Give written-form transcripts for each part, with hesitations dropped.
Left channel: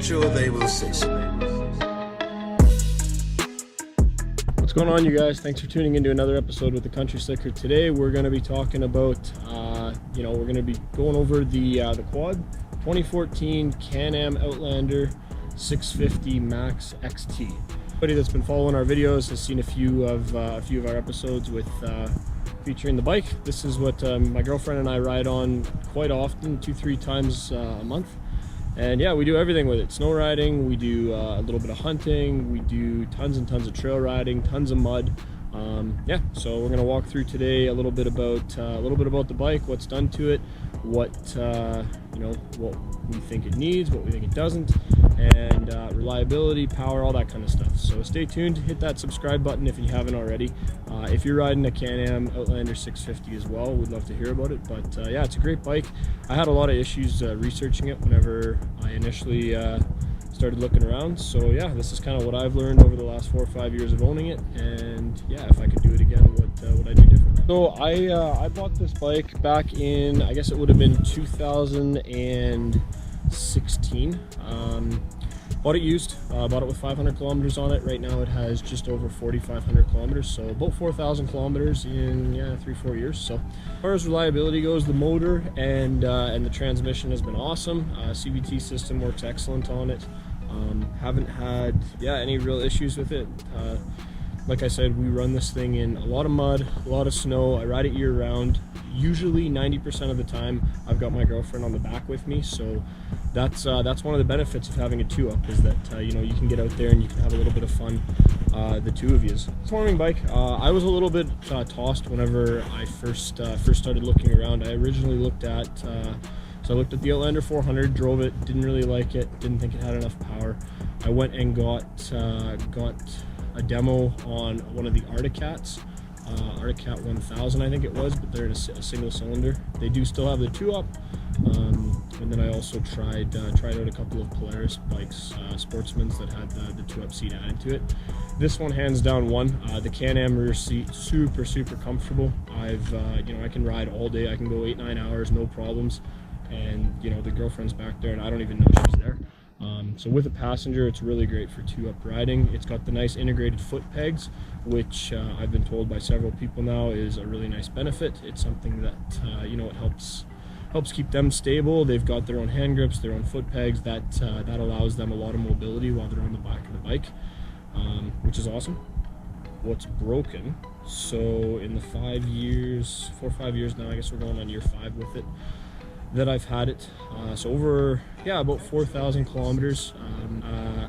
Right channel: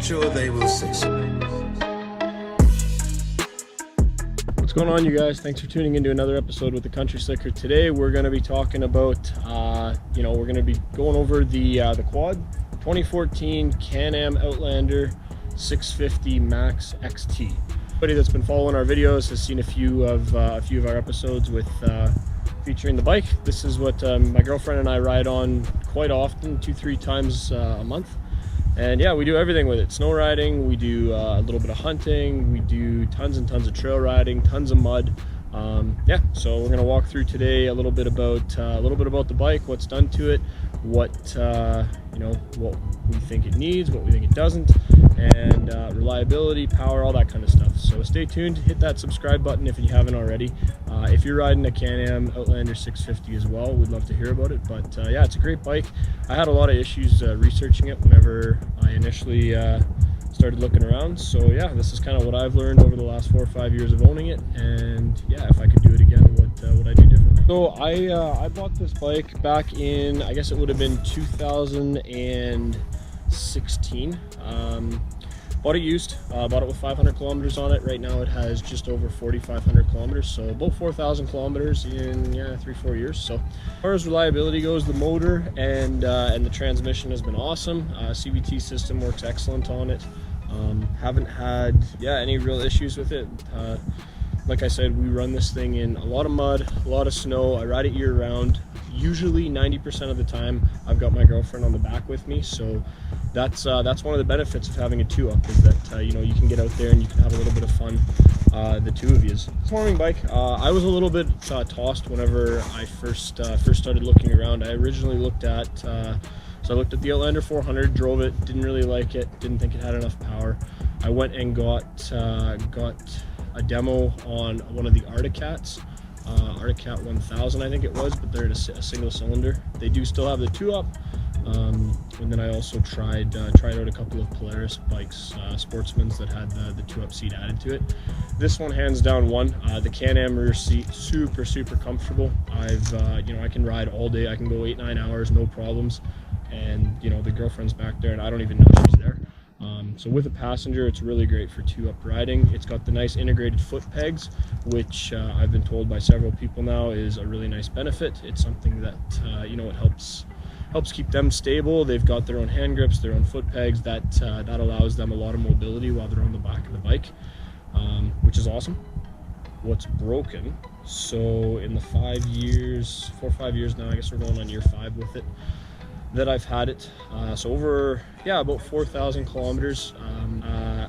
sure they will say so. What's going on, you guys? Thanks for tuning into another episode with the Country Slicker. Today we're going to be talking about we're going to be going over the quad 2014 Canam Outlander 650 Max XT. Anybody that's been following our videos has seen a few of our episodes with featuring the bike. This is what my girlfriend and I ride on quite often, 2-3 times a month. And yeah, we do everything with it. Snow riding, we do a little bit of hunting, we do tons and tons of trail riding, tons of mud. Yeah, so we're gonna walk through today a little bit about the bike, what's done to it, what what we think it needs, what we think it doesn't, and reliability, power, all that kind of stuff. So stay tuned, hit that subscribe button if you haven't already. If you're riding a Canam Outlander 650 as well, we'd love to hear about it. But yeah, it's a great bike. I had a lot of issues researching it whenever I initially started looking around. So yeah, this is kind of what I've learned over the last 4 or 5 years of owning it. And yeah, if I could do it again, what would I do differently? So I bought this bike back in, I guess it would have been 2016. Bought it used, bought it with 500 kilometers on it. Right now it has just over 4,500 kilometers, so about 4,000 kilometers in 3-4 years. So as far as reliability goes, the motor and the transmission has been awesome. CVT system works excellent on it. Haven't had any real issues with it. Like I said, we run this thing in a lot of mud, a lot of snow. I ride it year round. Usually 90% of the time I've got my girlfriend on the back with me, so that's one of the benefits of having a 2-up, is that you can get out there and you can have a little bit of fun, the two of yous. Performing bike, I was a little bit tossed whenever I first started looking around. I originally looked at I looked at the Outlander 400, drove it, didn't really like it, didn't think it had enough power. I went and got a demo on one of the Arcticat 1000, I think it was, but they're in a single cylinder. They do still have the 2-up, and then I also tried out a couple of Polaris bikes, Sportsmans, that had the 2-up seat added to it. This one hands down won. The Can-Am rear seat, super comfortable. I can ride all day. I can go 8-9 hours, no problems. And the girlfriend's back there, and I don't even know she's there. So with a passenger, it's really great for 2-up riding. It's got the nice integrated foot pegs, which I've been told by several people now is a really nice benefit. It's something that it helps keep them stable. They've got their own hand grips, their own foot pegs. That allows them a lot of mobility while they're on the back of the bike, which is awesome. What's broken? So in the 4 or 5 years now, I guess we're going on year 5 with it, that I've had it, so over about 4,000 kilometers.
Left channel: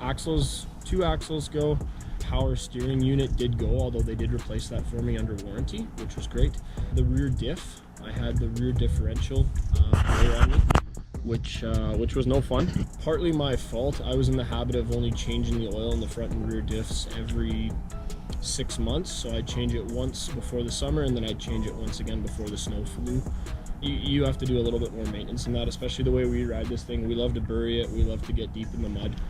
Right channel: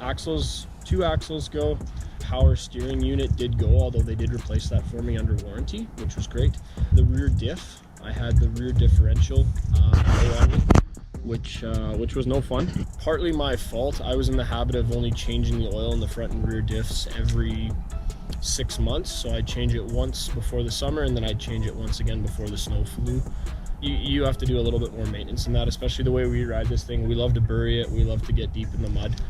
Axles, 2 axles go. Power steering unit did go, although they did replace that for me under warranty, which was great. The rear diff, I had the rear differential blow on me, which was no fun. Partly my fault. I was in the habit of only changing the oil in the front and rear diffs every 6 months, so I'd change it once before the summer, and then I'd change it once again before the snow flew. You have to do a little bit more maintenance than that, especially the way we ride this thing. We love to bury it, we love to get deep in the mud,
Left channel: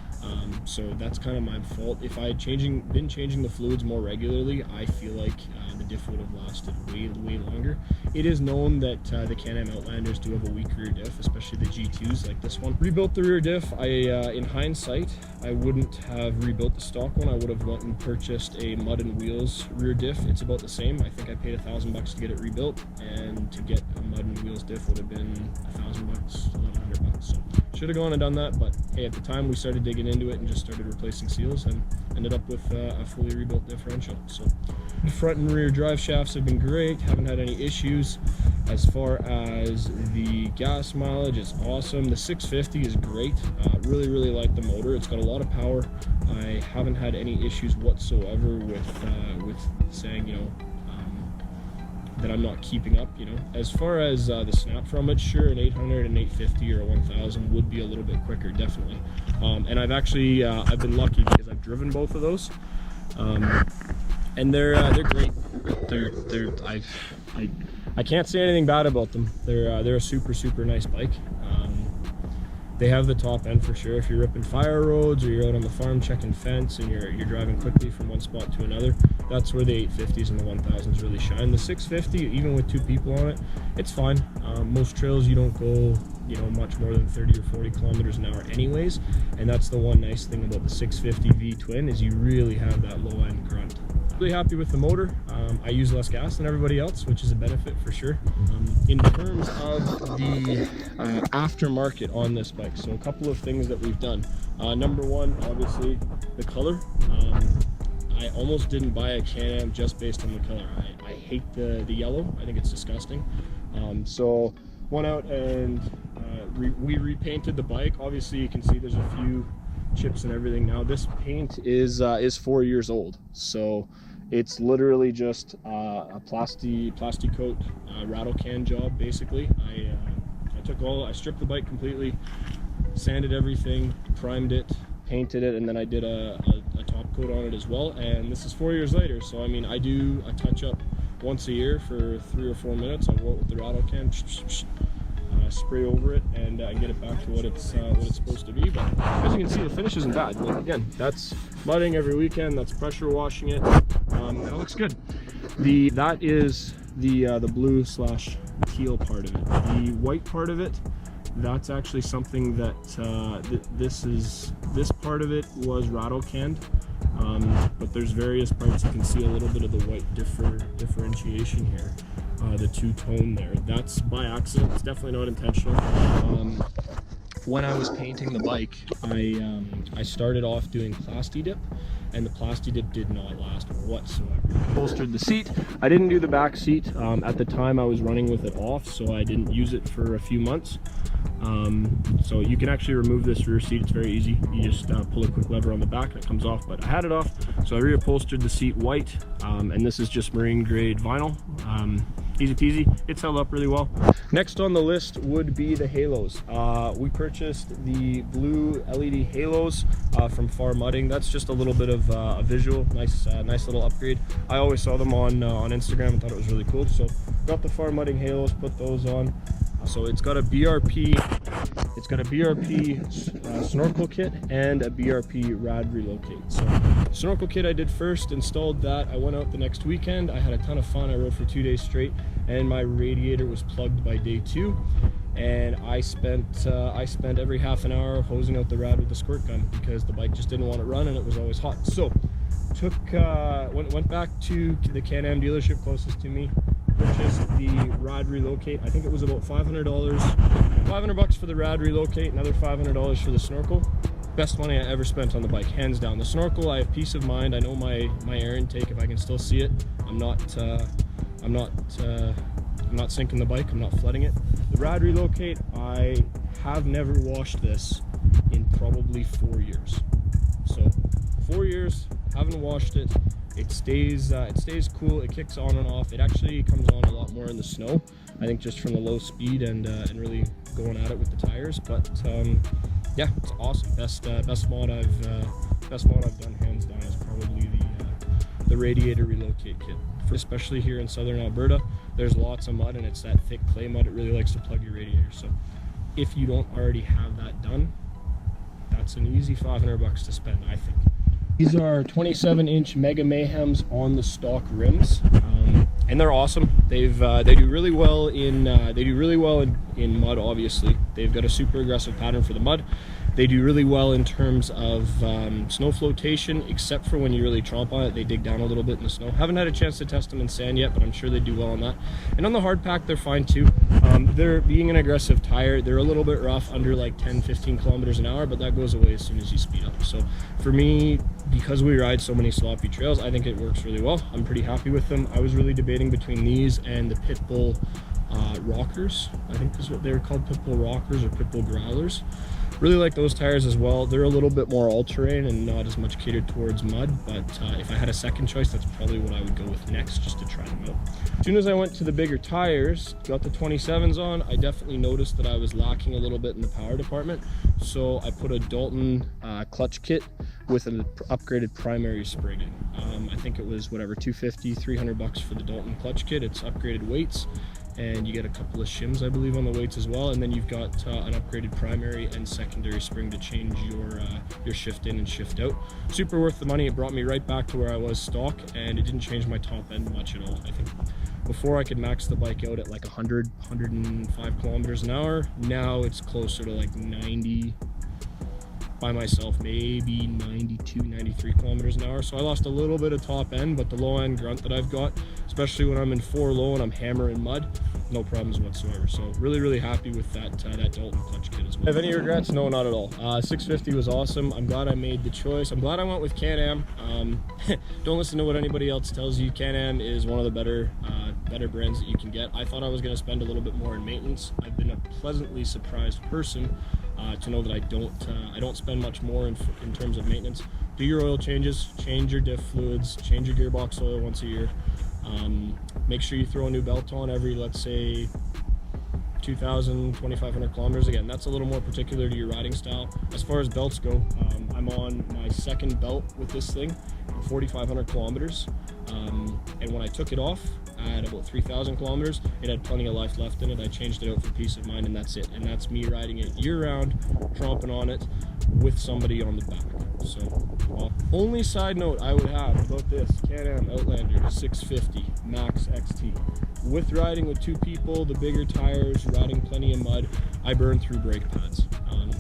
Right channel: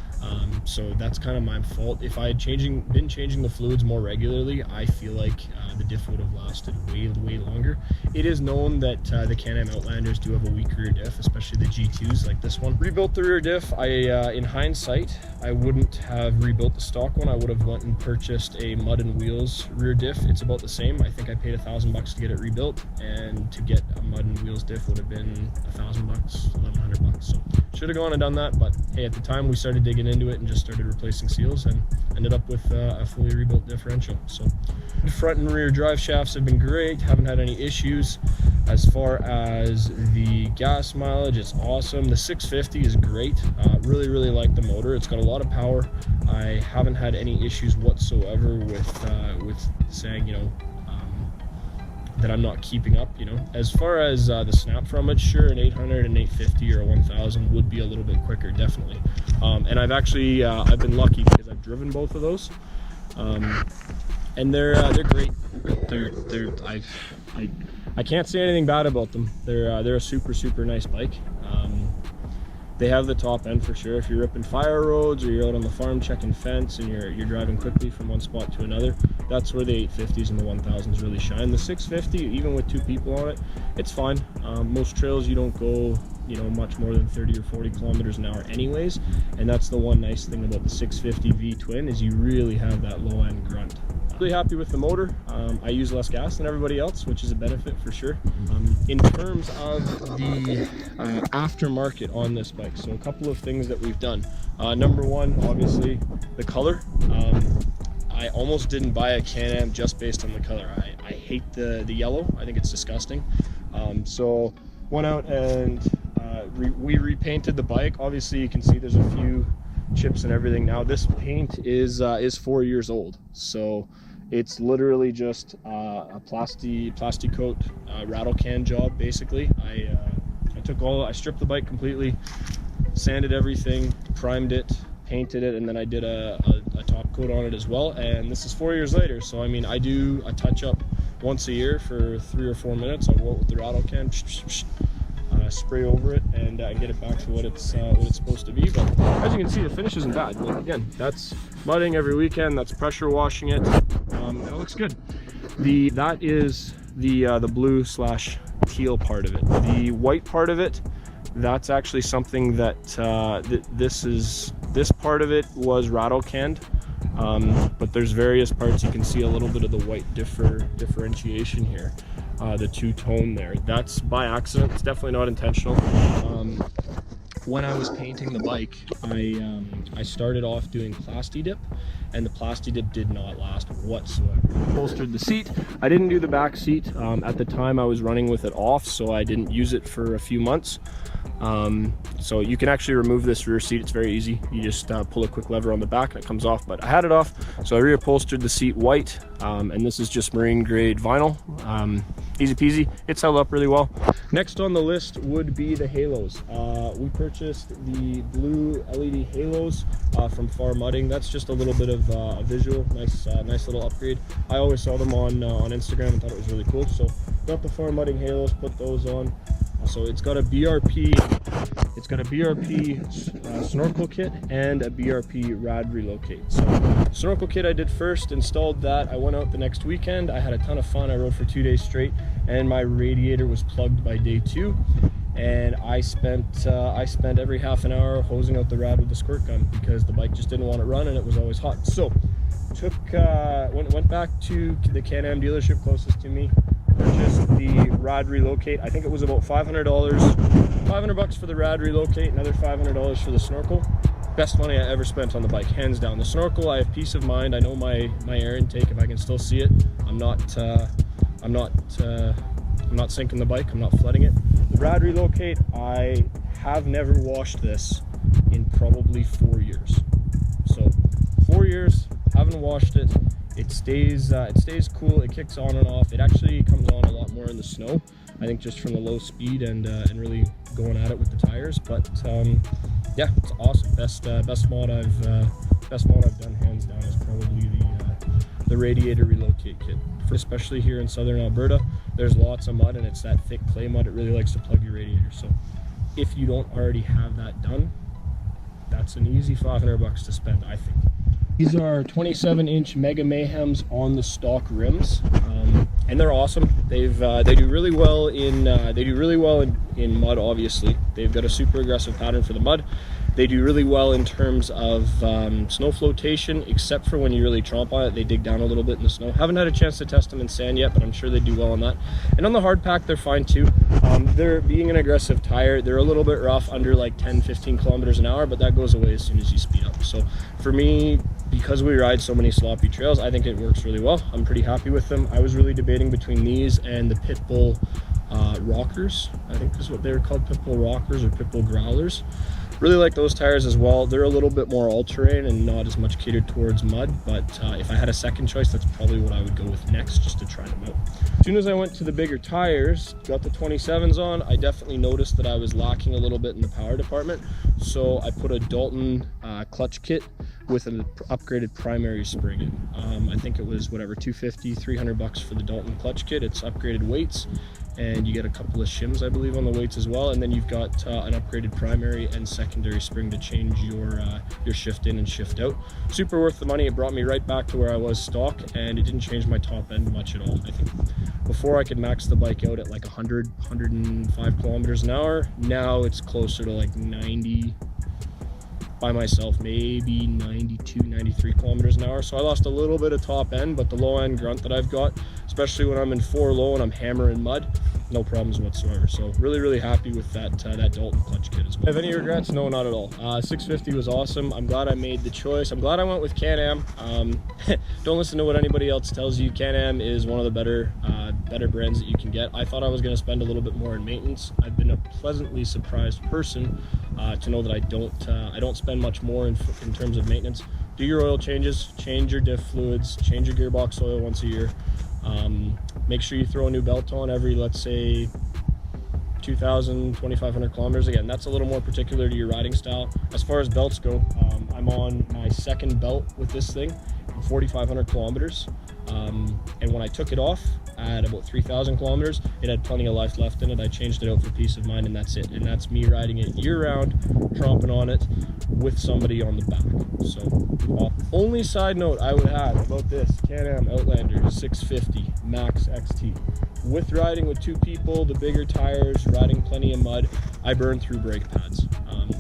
so that's kind of my fault. If I had been changing the fluids more regularly, I feel like the diff would have lasted way longer. It is known that the Can-Am Outlanders do have a weak rear diff, especially the G2s like this one. Rebuilt the rear diff. In hindsight, I wouldn't have rebuilt the stock one. I would have went and purchased a Mud and Wheels rear diff. It's about the same. I think I paid $1,000 to get it rebuilt, and to get a Mud and Wheels diff would have been $1,000, $1,100. So should have gone and done that, but hey, at the time we started digging into it and just started replacing seals, and ended up with a fully rebuilt differential. So the front and rear drive shafts have been great, haven't had any issues. As far as the gas mileage, it's awesome. The 650 is great. Really like the motor. It's got a lot of power. I haven't had any issues whatsoever with saying that I'm not keeping up. As far as the snap from it, sure, an 800, an 850, or a 1000 would be a little bit quicker, definitely. And I've actually I've been lucky because I've driven both of those, and they're great. I can't say anything bad about them. They're a super nice bike. They have the top end for sure. If you're ripping fire roads, or you're out on the farm checking fence and you're driving quickly from one spot to another, that's where the 850s and the 1000s really shine. The 650, even with 2 people on it, it's fine. Most trails you don't go you know, much more than 30 or 40 kilometers an hour anyways. And that's the one nice thing about the 650 V twin, is you really have that low end grunt. Really happy with the motor. I use less gas than everybody else, which is a benefit for sure. In terms of the aftermarket on this bike, so a couple of things that we've done. Number one, obviously the color. I almost didn't buy a Can-Am just based on the color. I hate the yellow. I think it's disgusting. So went out and we repainted the bike. Obviously you can see there's a few chips and everything. Now this paint is 4 years old, so it's literally just a plastic coat rattle can job basically. I stripped the bike completely, sanded everything, primed it, painted it, and then I did a top coat on it as well. And this is 4 years later, so I mean, I do a touch up once a year for 3 or 4 minutes. I'll go out with the rattle can, spray over it, and get it back to what it's supposed to be. But as you can see, the finish isn't bad. Like, again, that's mudding every weekend, that's pressure washing it. It looks good. That is the blue / teal part of it. The white part of it, that's actually something that this part of it was rattle canned, but there's various parts. You can see a little bit of the white differentiation here, the two-tone there. That's by accident. It's definitely not intentional. When I was painting the bike, I started off doing Plasti Dip, and the Plasti Dip did not last whatsoever. Bolstered the seat. I didn't do the back seat. At the time I was running with it off, so I didn't use it for a few months. So you can actually remove this rear seat. It's very easy. You just pull a quick lever on the back and it comes off, but I had it off, so I reupholstered the seat white, and this is just marine grade vinyl. Easy peasy. It's held up really well. Next on the list would be the halos. We purchased the blue LED halos from Far Mudding. That's just a little bit of a visual, nice little upgrade. I always saw them on Instagram and thought it was really cool, so got the Far Mudding halos, put those on. So it's got a BRP snorkel kit and a BRP rad relocate. So snorkel kit I did first, installed that. I went out the next weekend. I had a ton of fun. I rode for 2 days straight, and my radiator was plugged by day 2. And I spent every half an hour hosing out the rad with the squirt gun because the bike just didn't want to run and it was always hot. So went back to the Can-Am dealership closest to me, purchased the rad relocate. I think it was about $500 for the rad relocate, another $500 for the snorkel. Best money I ever spent on the bike, hands down. The snorkel, I have peace of mind. I know my air intake, if I can still see it. I'm not sinking the bike, I'm not flooding it. The rad relocate, I have never washed this in probably 4 years. So 4 years, haven't washed it. It stays cool. It kicks on and off. It actually comes on a lot more in the snow, I think, just from the low speed and really going at it with the tires. But yeah, it's awesome. Best mod I've done, hands down, is probably the Radiator Relocate Kit. Especially here in southern Alberta, there's lots of mud, and it's that thick clay mud. It really likes to plug your radiator. So if you don't already have that done, that's an easy $500 to spend, I think. These are 27-inch Mega Mayhems on the stock rims, and they're awesome. They do really well in mud. Obviously, they've got a super aggressive pattern for the mud. They do really well in terms of snow flotation, except for when you really tromp on it. They dig down a little bit in the snow. Haven't had a chance to test them in sand yet, but I'm sure they do well on that. And on the hard pack, they're fine too. They're being an aggressive tire. They're a little bit rough under like 10-15 kilometers an hour, but that goes away as soon as you speed up. So for me, because we ride so many sloppy trails, I think it works really well. I'm pretty happy with them. I was really debating between these and the Pitbull rockers. I think is what they were called, Pitbull rockers or Pitbull growlers. Really like those tires as well. They're a little bit more all-terrain and not as much catered towards mud, but if I had a second choice, that's probably what I would go with next, just to try them out. As soon as I went to the bigger tires, got the 27s on, I definitely noticed that I was lacking a little bit in the power department, so I put a Dalton clutch kit with an upgraded primary spring in. I think it was whatever, $250, $300 for the Dalton clutch kit. It's upgraded weights, and you get a couple of shims, I believe, on the weights as well. And then you've got an upgraded primary and secondary spring to change your shift in and shift out. Super worth the money. It brought me right back to where I was stock, and it didn't change my top end much at all. I think before I could max the bike out at like 105 kilometers an hour. Now it's closer to like 90 by myself, maybe 92, 93 kilometers an hour. So I lost a little bit of top end, but the low end grunt that I've got, especially when I'm in 4 low and I'm hammering mud, no problems whatsoever. So really happy with that Dalton clutch kit as well. Have any regrets? No, not at all. 650 was awesome. I'm glad I made the choice. I'm glad I went with Canam. Don't listen to what anybody else tells you. Canam is one of the better brands that you can get. I thought I was going to spend a little bit more in maintenance. I've been a pleasantly surprised person to know that I don't spend much more in terms of maintenance. Do your oil changes, change your diff fluids, change your gearbox oil once a year. Make sure you throw a new belt on every, let's say, 2,000, 2,500 kilometers. Again, that's a little more particular to your riding style. As far as belts go, I'm on my second belt with this thing, 4,500 kilometers. And when I took it off at about 3,000 kilometers, it had plenty of life left in it. I changed it out for peace of mind, and that's it. And that's me riding it year round, tromping on it with somebody on the back. So only side note I would have about this Canam Outlander 650 Max XT, with riding with 2 people, the bigger tires, riding plenty of mud, I burn through brake pads.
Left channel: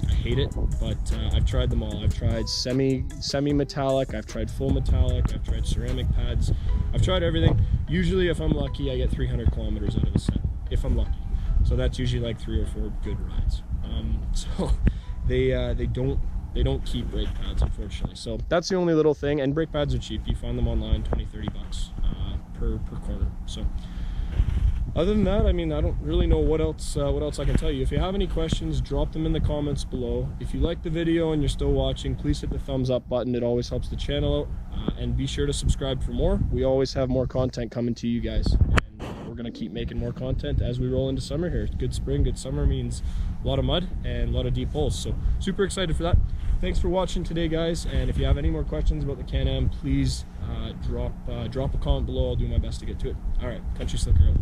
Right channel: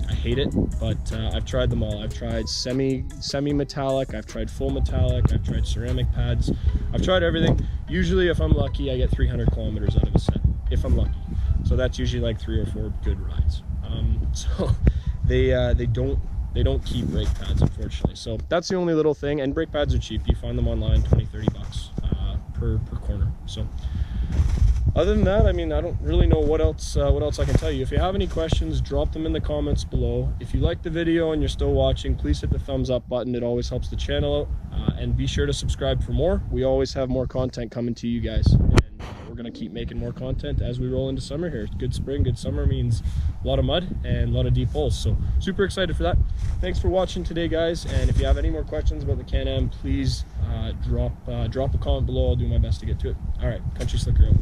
I hate it, but I've tried them all. I've tried semi-metallic, I've tried full metallic, I've tried ceramic pads, I've tried everything. Usually if I'm lucky, I get 300 kilometers out of a set, if I'm lucky. So that's usually like 3 or 4 good rides. So they don't keep brake pads, unfortunately. So that's the only little thing, and brake pads are cheap. You find them online, 20-30 bucks per corner. So other than that, I mean, I don't really know what else I can tell you. If you have any questions, drop them in the comments below. If you like the video and you're still watching, please hit the thumbs up button. It always helps the channel out. And be sure to subscribe for more. We always have more content coming to you guys. And we're going to keep making more content as we roll into summer here. Good spring, good summer means a lot of mud and a lot of deep holes. So super excited for that. Thanks for watching today, guys. And if you have any more questions about the Can-Am, please drop a comment below. I'll do my best to get to it. All right, Country Slicker out.